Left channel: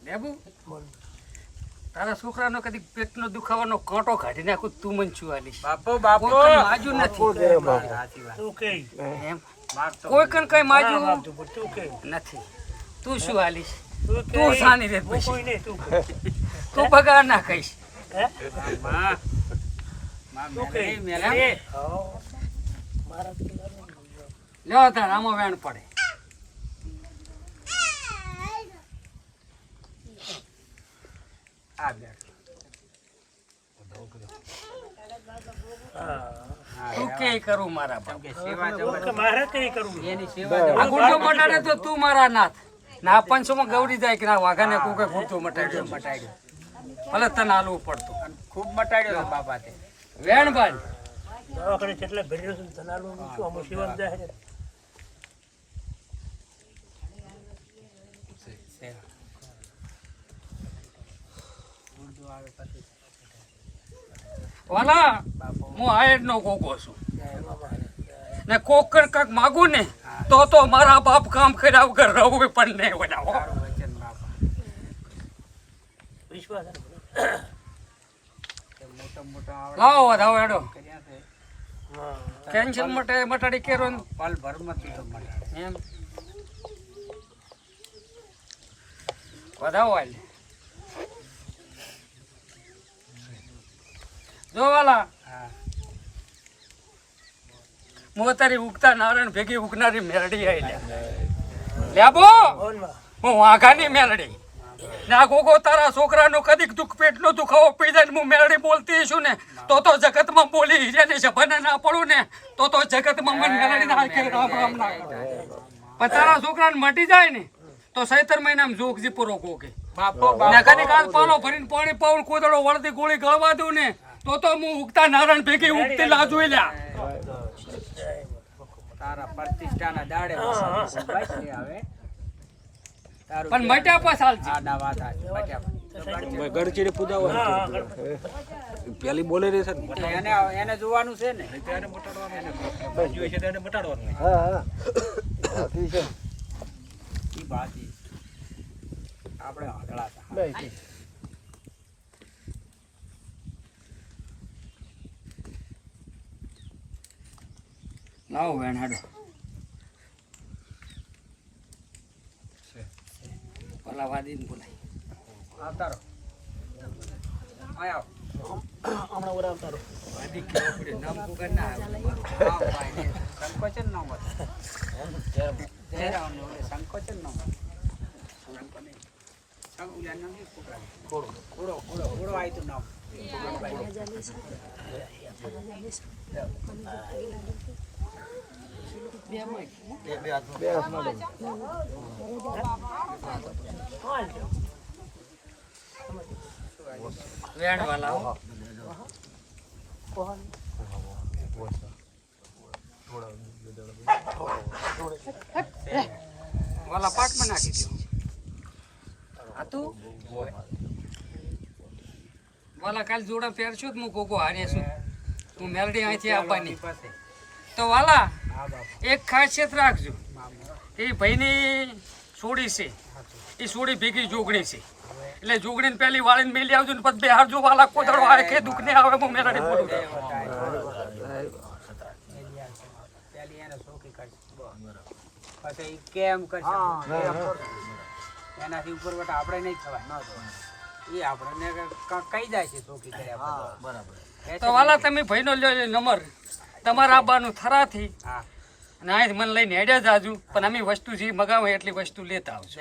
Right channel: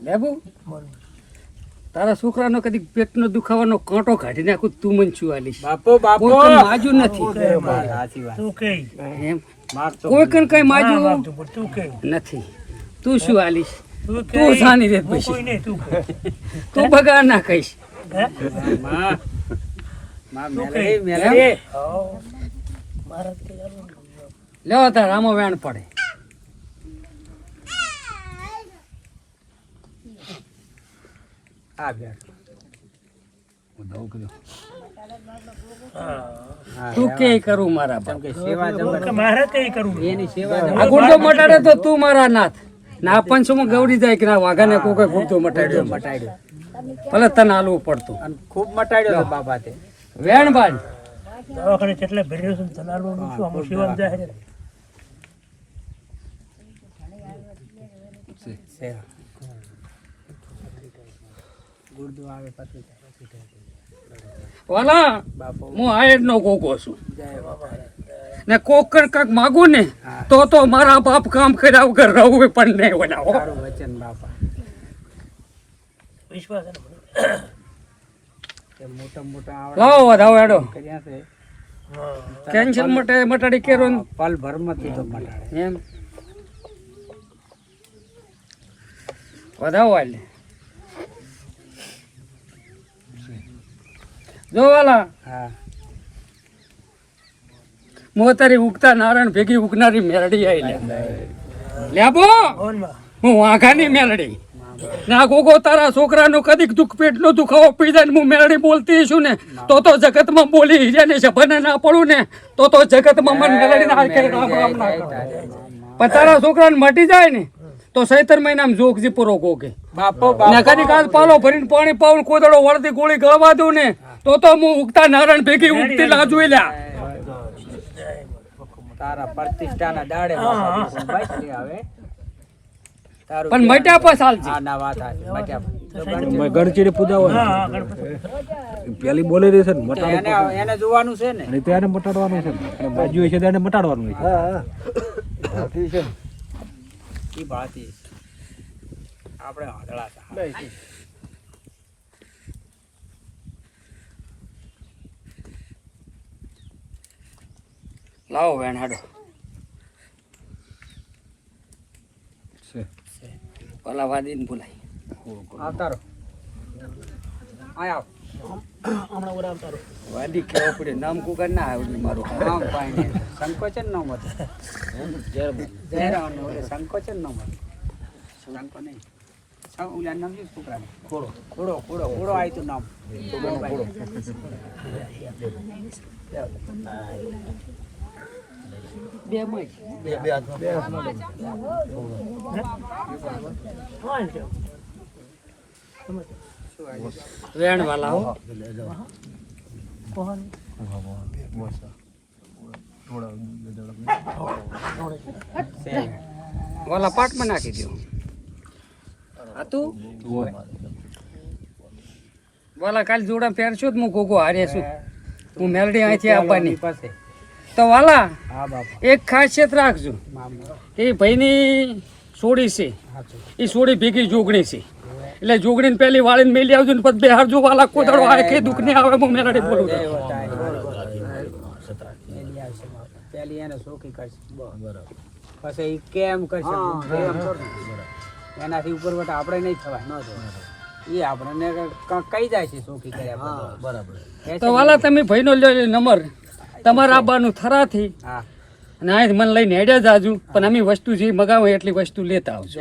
લેબુ તારા છોકરાનો કદી પેટનો દુખાવાનો કાંટો કાઢી નાખું તું મને શું આલીશ કોઈ કઈ માજુ નથી એમ કોઈ કઈ માજુ નથી તું શું આલીશ તું જાણી રે પછી તું બગાડ ના કહીશ લેવો તાર આમાં વેણ પડે તું કે કરું મારા બાપ આ ગુડતો મટાડે તો તું મારા નાથ ના પંચમાં ગવડી જાય કે ના વાઘાને કોઈ ગુડતો મટાડ્યો ભલે તને હાલવું પડતું ખૂબ મટાડ્યો બાબા તે વેણ બાંધ ઓલા હું આયર નો કોકો છું ને કોકર કાક માગું ને તો મારા બાપ કામ કર્યા વગર રહું પણ નહીં બનાવો લાવો વધાવો એડો કેન્સલ મટાડી કેરો પલ ભરમતી તો મટાડે એમ વધાવો એટલે જો વાલા મોતારી ઉગતા નારાયણ ભેગી ઉગનારી મેરડી આવી લેબો હું વાઘાની મેરડી ને આ ગોગો તારા છોકરાનું કદીક દુઃખ પેટનો દુખાવો પી જાય હું મેરડી બોલતી છું ને તો જગતમાં બોલી હીરાને સભાને ના પડું ને તો જગતમાં મન મેરડી ના રામ રામ ના કરું પણ તારા છોકરાને મટી જાય ને તો 17 મહિનામાં જોગજી પૂરો ગોગે ને કદી કાલ પાલો ભરીને પાણી પાઉં કોદડો વળતી ગોળી ગળવા દઉં ને તો હું ઉગતા નારાયણ ભેગી ઉગતી ના જોઈ લ્યા તારા પ્રતિષ્ઠાના દાડે આવે પણ મટ્યા પર ચાલશે ના વાત મટ્યા મેં ગણચીને પૂજાવો પેલી બોલી રહી છે ને એને જોવાનું છે ને ત્યારે મટાડવાનું છે બાજુ છે તેને મટાડવાનું છે ઈ ભાતી આપણે આંધળા હતા લાવો વેણ હાડો ઓલા વાદીને બોલાય આવતા રહો આવ વાદી કેવો પડે નામ કુકર ના આવડે મારું નામ કાંઈ નહીં સંકોચન ન મળે સંકોચન ન મળે સંકો નહીં ઓલા નામ શું છોકરા ખોડો ખોડો ખોડો ખોડો આવી તું નામ બે મય વેણ વાલા હો વાલા પાટમાં નાખી દો હતું વાલા કાલે જોડા પહેરશું જ હું ગોગો હારે છું હું મેલડી અહીંથી આપવાની તો વાલા એક ખાસિયત રાખજો એ ભાઈની સોડી છે એ સોડી ભેગી જોગણી છે એટલે જોગણીને પહેલી વાળીને મેલી આવજો ને પછી બેહારજો વાલા કોદડો આવે કે દુઃખ નહીં આવે હું મેલડી બોલું પેલી એને સોખી કરશે પછી એ કેમ કરશે એનાથી ઉપર વટા આપણે નહીં થવા ન એ આપણને કઈ જાય છે સોખી કર્યા બરાબર તો વાલા તમે ભાઈનો લ્યો નંબર તમારા આબાનું થરાથી અને અહીં મને લઈને હેડ્યા જાજુ પણ અમે વસ્તુ જે મગાવે એટલી વસ્તુ લેતા આવજો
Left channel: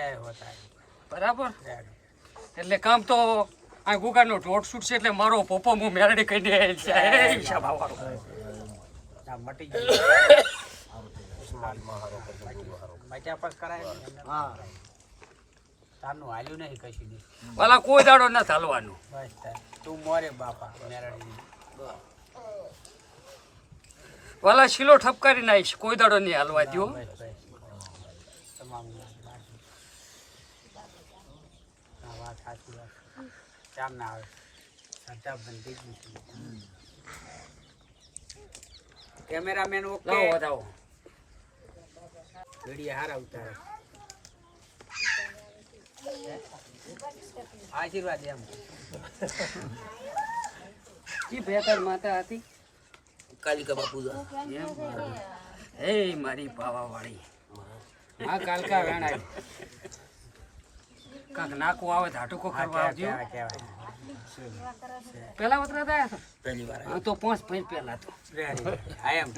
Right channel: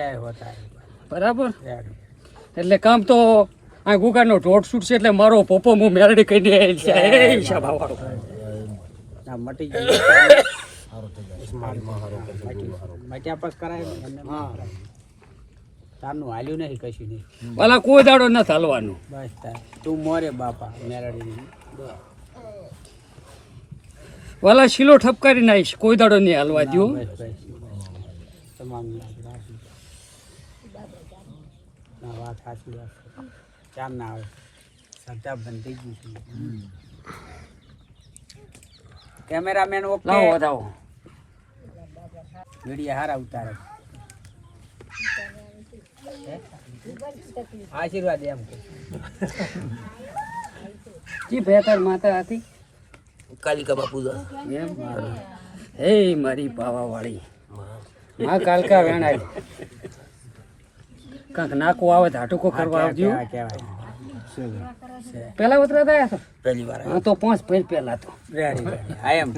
બરાબર એટલે કામ તો આ ગુગાનો ઢોટ છૂટશે એટલે મારો પોપો હું મેરડી કહીને વાળો મટી જાય મટ્યા પછી કરાય તારનું હાલ્યું નહીં કશું નહીં વાલા કોઈ દાડો નથી હાલવાનું બસ તાર તું મોરે બાપા મેરડી વાલા શીલો ઠપકારી નાખીશ કોઈ દાડો નહીં હાલવા દો તમામ વાત સાચી વાત ચાર ના આવે સજા બંધી ગઈ છે કેમેરામેન ઓકે લાવો વધાવો વિડીયો હારા ઉતારે આશીર્વાદ એમ જી બેતાર માતા હતી કાલિકા બાપુ એમ હે મારી પાવાવાળી માં કાલકા વેણાય કાંક નાકો આવે તો હાટુકો કરવા આવજો પેલા ઉતરા થયા હતા પહેલી વાર હા તો 5 ફેર પહેલા તો એમ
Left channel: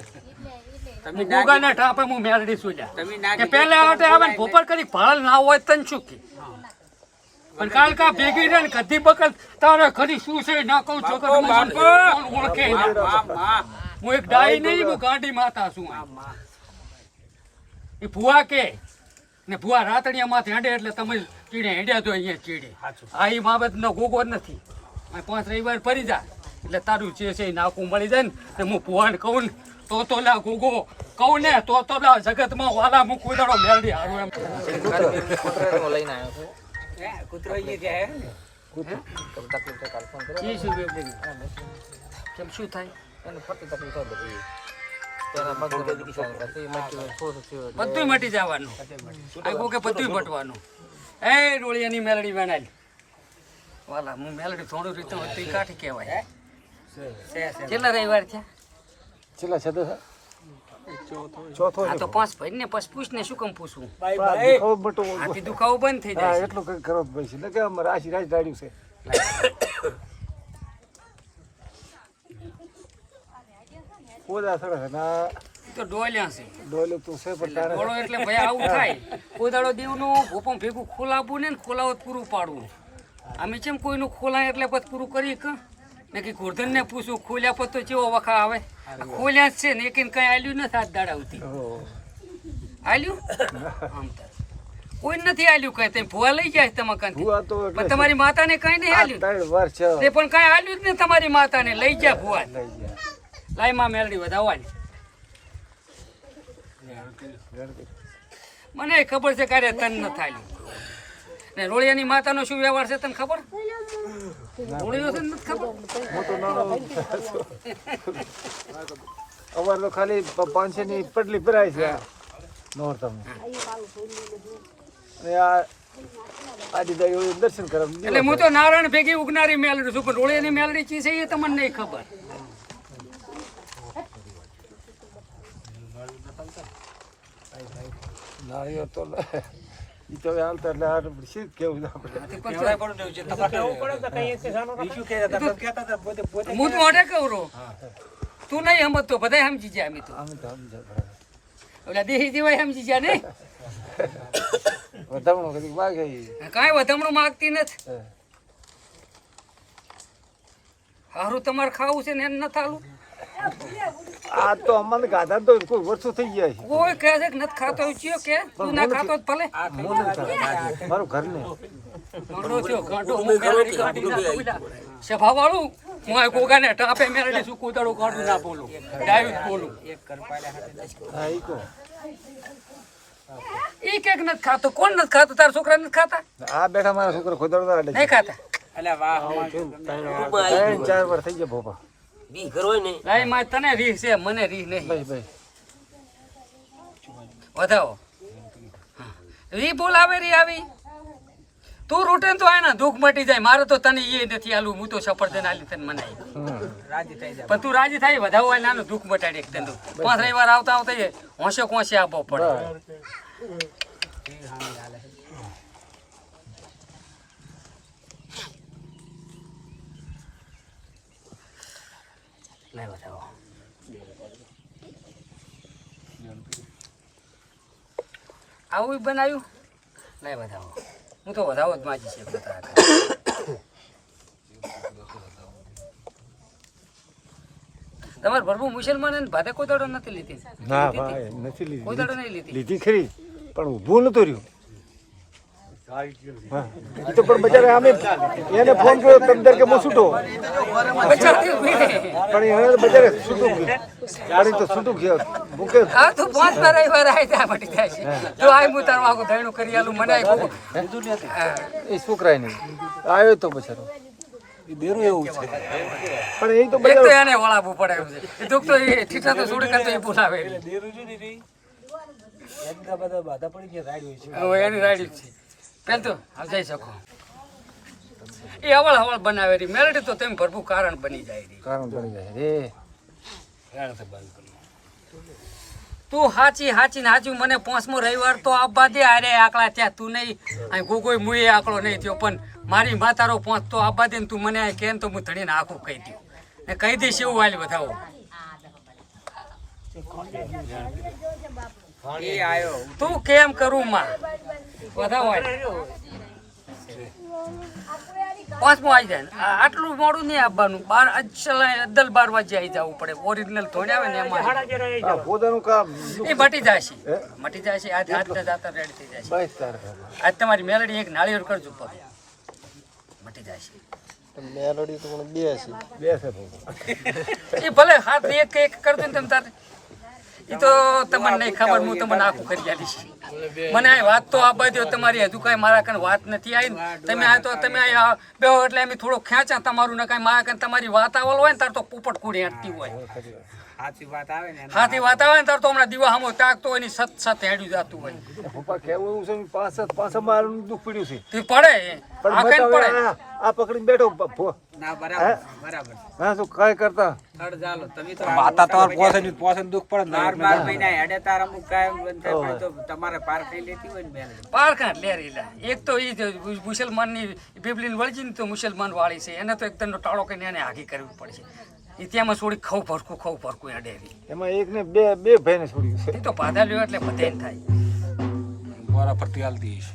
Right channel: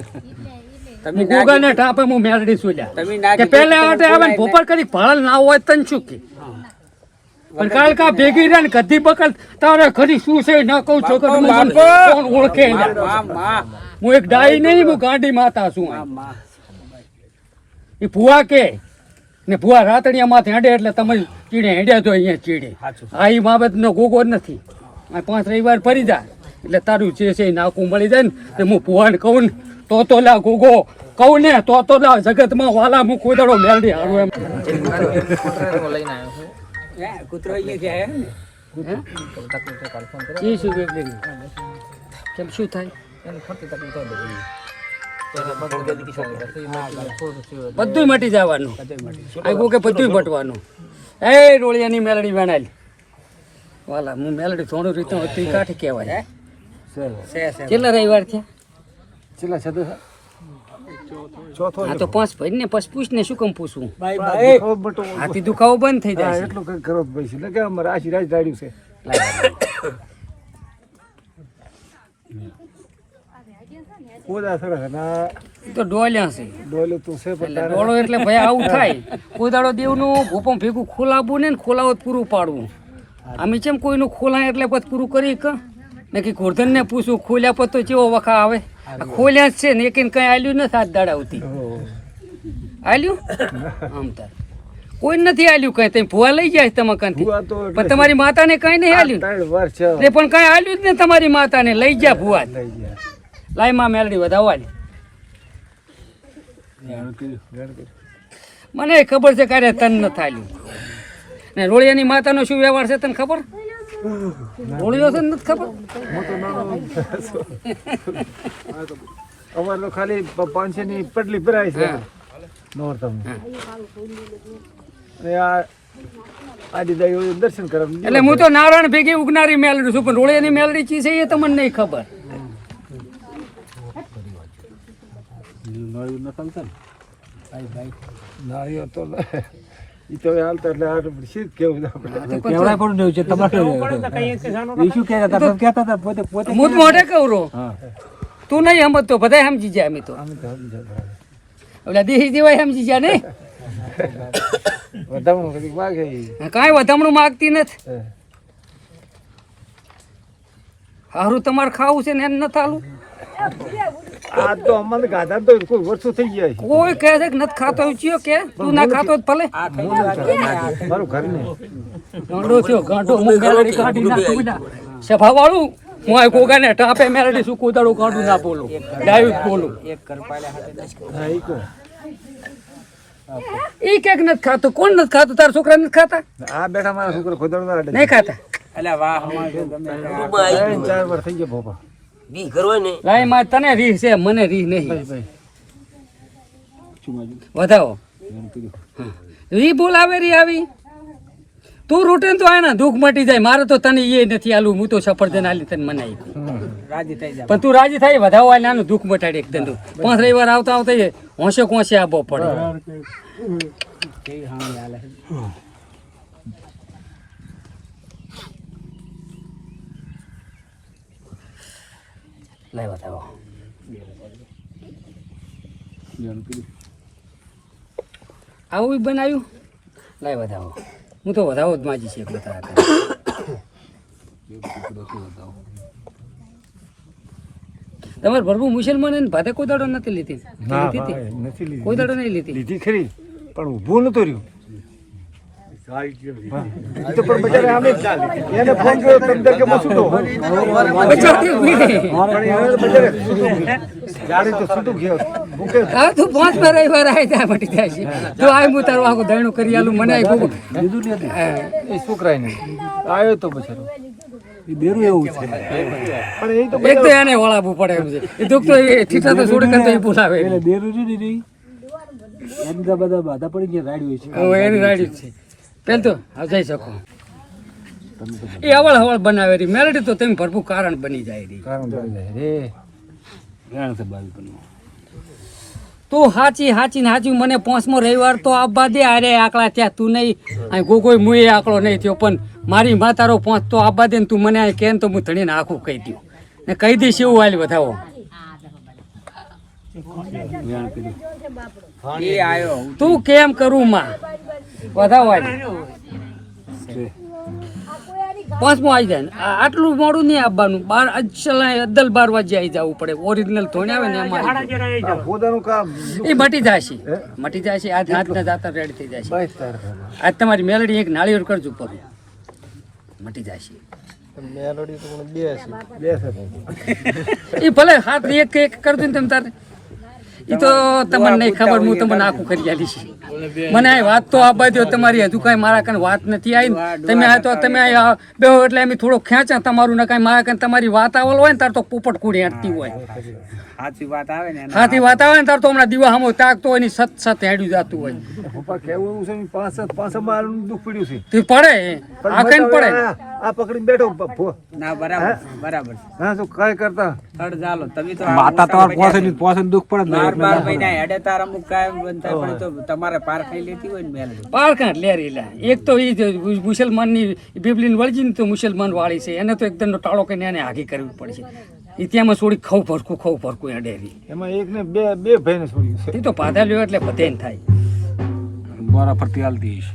તમે ગોગાને ટાપે હું મેલડી સુલ્યા તમે ના કે પહેલા આટે આવે ને ભોપર કરી ભાળ ના હોય તન શું કે પણ કાલકા ભેગી રે ને કદી બકલ તારે ખરી શું છે ના કહું છો કે મને કોણ ઓળખે ના હું એક ડાઈ નહીં હું ગાંડી માતા છું એ ભુવા કે ને ભુવા રાતડિયા માથે હેડે એટલે તમે ચીડે હેડ્યા તો અહીંયા ચીડે આ ઈ બાબતનો ગોગો જ નથી આ 5 રવિવાર ફરી જા એટલે તારું જે છે એ નાકું મળી જાય ને તે હું ભુવાને કહું ને તો લા ગોગો કહું ને તો લા જગતમાં વાલા હું કોઈ દાડો મેલડી હારું એમ કૂતરો અહીંયા છે ને એ શું બેબલી કેમ શું થાય બધું મટી જવાનું આ ગોગે બધું મટવાનું એ રોળિયાની મેલડી વેણાલી વાલા હું મેલડી થોડું રીતે હતી કાઠી કહેવાય કેટલા રવિવાર છે આ તો 5 ભાઈ ને પછી પૂછ ને શું કેમ પૂછવું હાથી દુખાવો બંધ થઈ જાય એટલું કઈ કરો પૈસા ને કે અમારે આશીર્વાદ જાડ્યું છે કોદા સડે ના તો ડોલ્યા છે ડોલે તું છે પણ એટલે ડોળો એટલે ભાઈ આવું થાય કોઈ દાડો દેવનું ભૂપમ ભેગું ખોલાવવું ને ખોલાવત પૂરું પાડવું અમે કેમ કોઈનું ખોલાય એટલે પછી પૂરું કરી કે નક્કી ગોરધન ને પૂછું ખોલ્યા પછી તો કેવો વખા આવે આ ખોલ્યા જ છે ને એક કઈ આલ્યું નથી હાથ દાડાવતી આલ્યું આમ તાર કોઈ નથી આલ્યું કઈ તમે ભૂવા લઈ જાય તમે કંથી પણ તમારી માતાને કઈ નહીં આલ્યું 3 વાર છે એટલે પણ કઈ આલ્યું જ ને તમારી માતાને લઈ જા ભૂવા લાઈ માં મેલડી વધાવવાની મને ખબર છે ક્યારે તન ન થાલ્યું ને રોળિયાની માતાનો શું વ્યવહાર છે તને ખબર રોળિયો છે ને નથી ખબર મોટો નાનો અમારે તો ખાલી 500 ની પટલી ભરાય છે નોરતમ અને આ આદિ દાઈ દર્શન કરવા એટલે હું તો નારાયણ ભેગી ઉગનારી મેલડી છું પણ રોળિયાની મેલડી ચી છે એ તમને નહીં ખબર નાળીઓ તો ઈ તો હાલતા એટલે આ સીધ કેવું કેવડા પણ દેવું છે તમારે ઈશુ કહેતા હતા કહેતા હતા પોતે પોતે હું તો મોઢે કહું રો તું નહીં સમજતો બધા સમજી જાય અમે તો આમ તો સમજો ઓલા દેહી જેવાય સમજી જાય નહીં વધામણું કદી વાગે કાંઈ વધામણું માગતી નથી હારું તમારે ખાવું છે ને એમ નથી હાલું આ તો અમારે ગાધા તો કોઈ વર્ષો થઈ ગયા છે કોઈ કહે છે કે નથી ખાતો એવું ચિયો કે તું ના ખાતો જ ભલે મારું ઘરનું ગાંડો થયો ગાંડો હું મેલડી કાઢી નાખું બેટા સભા વાળું હું આ ગોગાને ટાપે મેલડી શું કોદાડું કાઢું ના બોલું ડાયું જ બોલું હા ઈ કો ઈ કેક નથી ખાતું કોણ નથી ખાતું તારા છોકરા નથી ખાતા આ બેઠા મારા છોકરો ખોદાડો ના અડે નહીં ખાતા એટલે વાહ ગમે 4 વાર થઈ ગયા બાપા બી કરવાય ને લાય માં તને રીહ છે મને રીહ નહીં ભાઈ વધાવો રી બોલાવે રી આવી તું રૂટે તો આના દુઃખ મટી જાય મારે તો તને એ નથી આલું હું તો સફરજન આલી તને મનાઈ રાજી થઈ જાય પણ તું રાજી થાય વધાવો આલે આનું દુઃખ મટાડી એક ધંધો 5 રવિવાર આવતા આવતા હોંશે કોંશે આપવો પડે લાય વધાવો આવું બનાવ્યું લાય વધાવો હું તો વધાવો જ માજી છે એટલે તારા તમારે ભરવું મુસલમાન ને ભાતે કોઈ દાડો નથી લીધી લીધી હતી નથી કોઈ દાડો નહીં લીધી લીધી ખરી પણ ઊભું નતું રહ્યું તો પણ બજારે અમે એને ફોન કર્યો તમદર કે મસૂટો બચાવતી ઊભી રહી. પણ એને બજારે જાડું તો છૂટું ગયો મૂકે હા તું 5 રવિવાર આવી જાય મટી જાય છે જો આય હું તારું આખું દહીણું કરી આલું મને આય લીધું નથી એ છોકરાય નહીં આવ્યો તો બચારો એ બેરું એવું છે પણ એ તો એક તો એને વળાવવું પડે એમ છે એ દુઃખ તો એ ઠીઠા તો છોડી કરતો એ બોલાવે બેરું નહીં એમ બધા બાધા પડી ગયા રાડ્યું છે હવે એની રાડી જ છે પેલ તો હા જઈ શકો એ હવળ હવળ બનાવે રહી મેલડી તો તમે ભરપૂર કારણ બની જાય રહી કારણ પડી જાય રે જાણ છે બાજુ કરનો તું હાચી હાચી ને હાચી મને 5મો રવિવાર તો આવવા દે અરે આકડા ત્યાં તું નહીં અહીં ગોગોય મુએ આકડો નહીં થયો પણ મારી માં તારો 5 તો આવવા દે ને તું મને અહીં કેમ તો હું ધણીને આખું કહી દઉં ને કહી દઈશ એવું હાલ વધાવો જાણ કરી એ આયો તું કેમ કરું માં વધાવો હાલ 5મો આવી જાય ને આટલું મોડું નહીં આવવાનું 12 વાગે આવી જવું પડે ઓરિજિનલ ધોણે આવે ને એમાં આવી જાય. આ પોતાનું કામ એ મટી જાય છે આજ હાથને જાતા રેડી થઈ જાય છે 22 તારીખ આજ તમારી મેલડી એક નાળિયેર કરજો પગે મટી જાય છે મેલોડી તો પણ બે છે એ ભલે હાથ એક એક કરજો ને તમે તારે એ તો તમને નહીં ખબર હું તમને આખું કરી આલી છે મને આ વાત તો આપવા દો તમારી હજુ કાંઈ મારા કાંઈ વાત નથી આવી ને તમે આ તો તમે આ બેહો એટલે એમ થોડો ખેંચા તમારું ને કાંઈ મારા કાંઈ તમારી વાત આવેલ હોય ને તાર તો પોપટ કુડી હાંટતી હોય સાચી વાત આવે ને હાથી વાત આવે ને તાર તો હમણાં દીવા સામો તાકતો હોય ને સત હેડ્યું જતું હોય પપ્પા કેવું એવું છે ને પાંચ મારું દુઃખ પડ્યું છે તે પડે આ કઈ પડે આ પકડીને બેઠો ના બરાબર હા તો કઈ કરતા થડ ચાલો તમે તો માતા તમાર પોસે દુઃખ પડે ને 12 મહિના હેડે તાર અમુક કાયમ બંધ થાય પડે તો તમારે પાર ખાઈ લેતી હોય ને મેલ પારકાં લેરી લા એક તો એ મુસલમાનની બિબલીન વળજી ને તો મુસલમાન વાળી છે એને તો એકદમ ટાળો કરીને એને આગી કરવી પડશે એ ત્યાંમાં થોડી ખવ ફરકું એ ડેરી એમાં એક ને બે ભાઈને છોડ્યું છે એ તો પાધા લ્યો એટલે બધે થાય બોરા ફરતી હાલતી હશે